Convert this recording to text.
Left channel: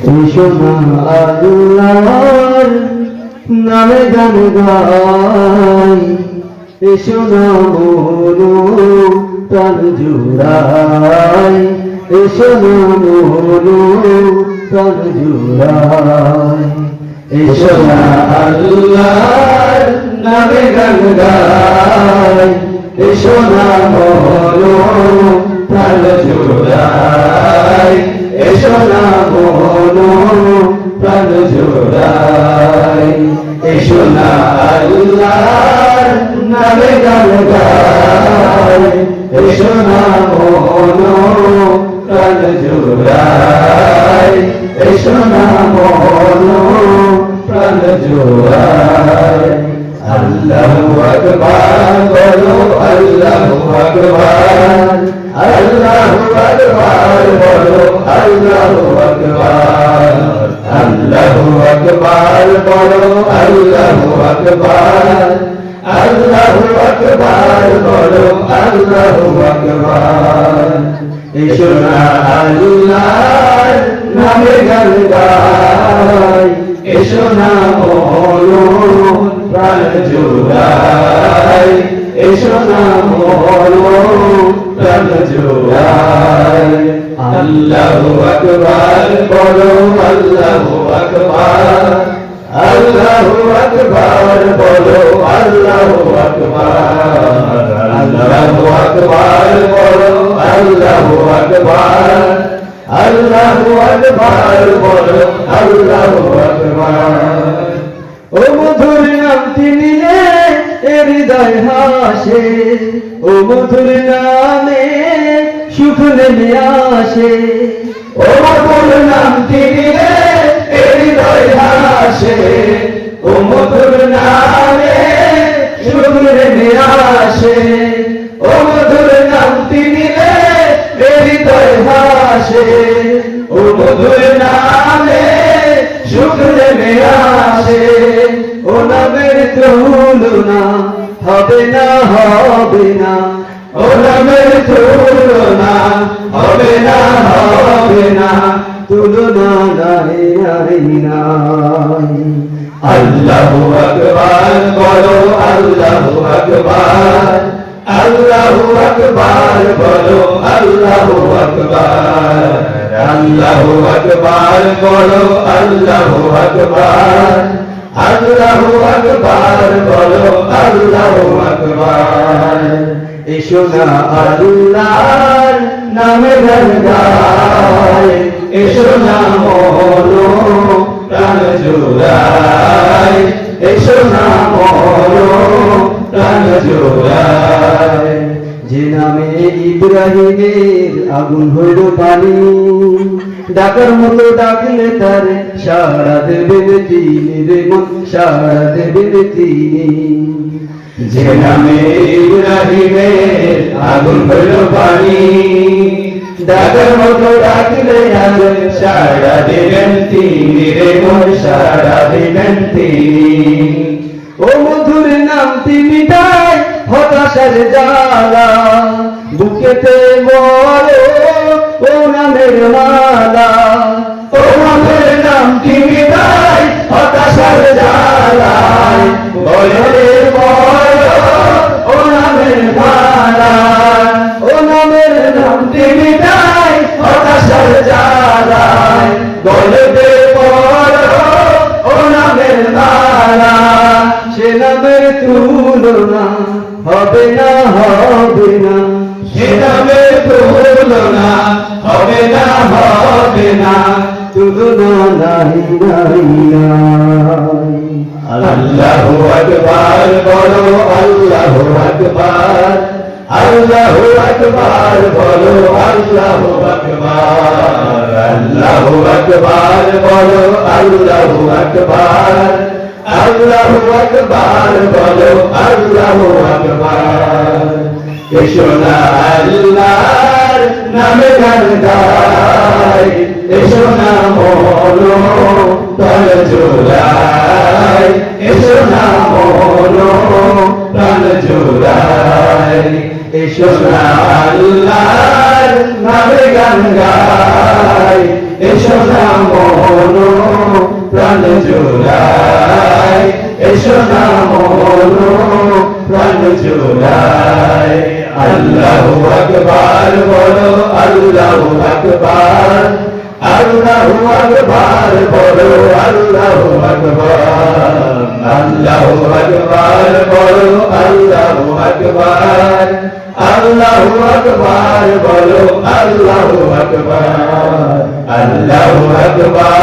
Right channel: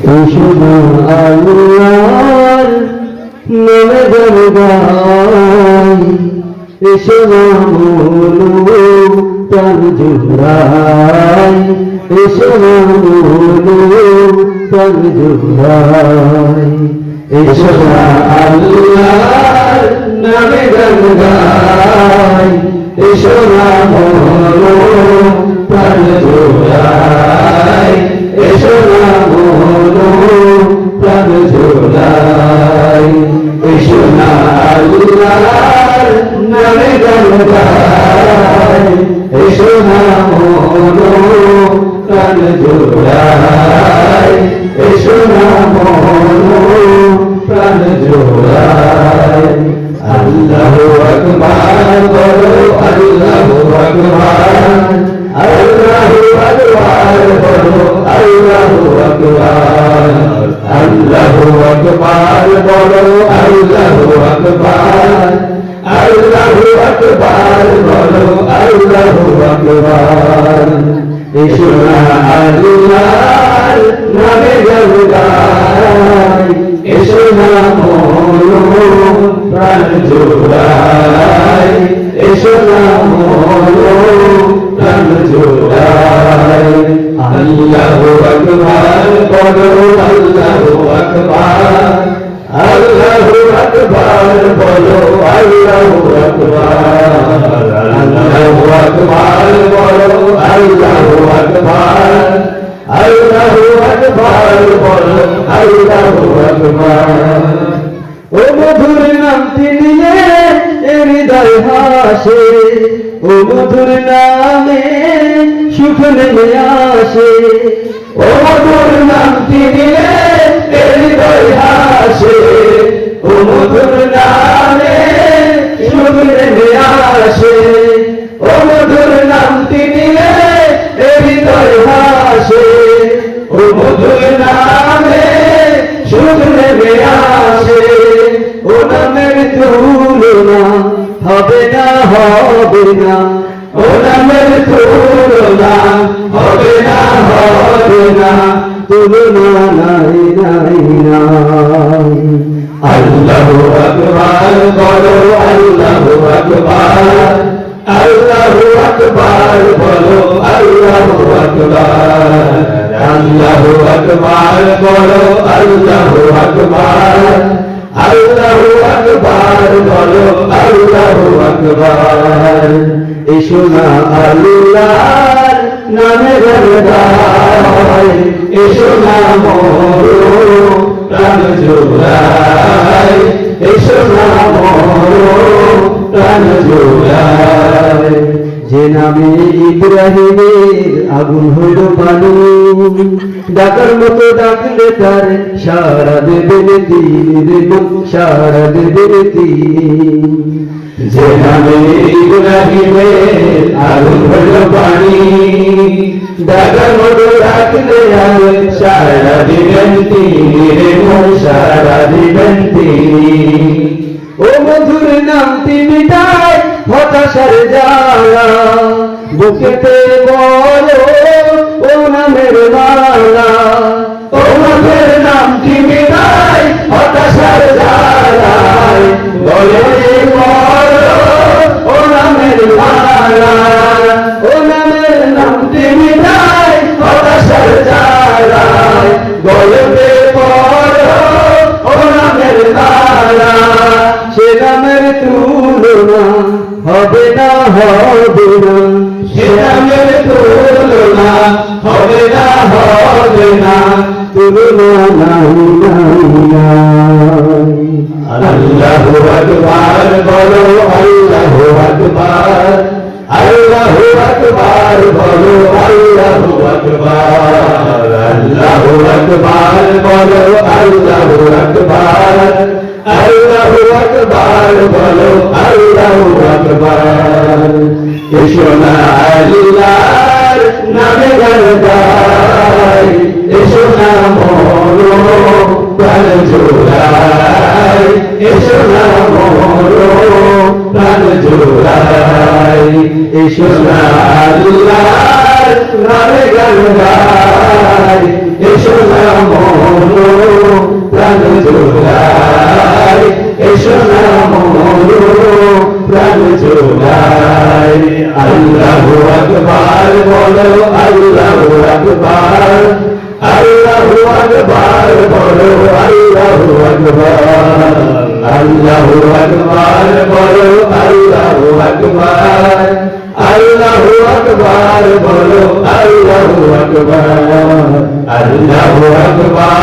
এসো না আল্লাহর নামে গান গাই, এসো না মনো প্রাণ জুড়াই, এসো না মনো প্রাণ জুড়াই, এসো না আল্লাহর নামে গান গাই, এসো না মনো প্রাণ জুড়াই, এসো না মনো প্রাণ জুড়াই, এসো না আল্লাহর নামে গান গাই, এসো না মনো প্রাণ জুড়াই, এসো না মনো প্রাণ জুড়াই। আল্লাহু আকবার বলো, আল্লাহু আকবার, আল্লাহু আকবার বলো, আল্লাহু আকবার, আল্লাহু আকবার বলো, আল্লাহু আকবার, আল্লাহু আকবার বলো, আল্লাহু আকবার। এসো না আল্লাহর নামে গান গাই, এসো না মনো প্রাণ জোড়াই, এসো না মনো প্রাণ জোড়াই। আল্লাহু আকবার বলো, আল্লাহু আকবার, আল্লাহু আকবার বলো, আল্লাহু আকবার, আল্লাহু আকবার বলো, আল্লাহু আকবার, আল্লাহু আকবার বলো, আল্লাহু আকবার। ও মধুর নামটি নিলে হৃদয় হাসে, ও মধুর নামে সুখ নেমে আসে, ও মধুর নামটি নিলে হৃদয় হাসে, ও মধুর নামে সুখ নেমে আসে, ও মধুর নামটি নিলে হৃদয় হাসে, ও মধুর নামে সুখ নেমে আসে। ও নামের তুলনা হবে না, হবে না, ও নামের তুলনা হবে না, হবে না, তুলনা নাই নাই নাই। আল্লাহু আকবার বলো, আল্লাহু আকবার, আল্লাহু আকবার বলো, আল্লাহু আকবার, আল্লাহু আকবার বলো, আল্লাহু আকবার, আল্লাহু আকবার বলো, আল্লাহু আকবার। এসো না আল্লাহর নামে গান গাই, এসো না মনো প্রাণ জোড়াই, এসো না মনো প্রাণ জোড়াই। যে নামে ইব্রাহিমের আগুন হলো পানি, ডাকার মতো ডাকলে তার সারা দেবেন তিনি, সারা দেবেন তিনি। যে নামে ইব্রাহিমের আগুন হলো পানি, ডাকার মতো ডাকলে আজ সারা দেবেন তিনি, সারা দেবেন তিনি। ও মধুর নামটি মিটায় হতাশার জ্বালা, বুকেতে বলো ও নামের মালা, ও মধুর নামটি মিটায় হতাশার জ্বালা, বলে বলো ও নামের মালা, ও নামের নামটি মিটায় হতাশার জ্বালা, বলবে বলো ও নামের মালা। সে নামের তুলনা হবে না, হবে না, সে নামের তুলনা হবে না, হবে না, তুলনা নাই নাই নাই। আল্লাহু আকবার বলো, আল্লাহু আকবার, আল্লাহু আকবার বলো, আল্লাহু আকবার, আল্লাহু আকবার বলো, আল্লাহু আকবার, আল্লাহু আকবার বলো, আল্লাহু আকবার। এসো না আল্লাহর নামে গান গাই, এসো না মনো প্রাণ জোড়াই, এসো না মনো প্রাণ জোড়াই, এসো না আল্লাহর নামে গান গাই, এসো না জোড়াই এসো না মরো প্রাণ জোড়াই আল্লাহু আকবার বলো আল্লাহু আকবার আল্লাহু আকবার বলো আল্লাহু আকবার আল্লাহু আকবার বলো আল্লাহু আকবার আল্লাহু আকবার বলো আল্লাহু আকবার আল্লাহু আকবার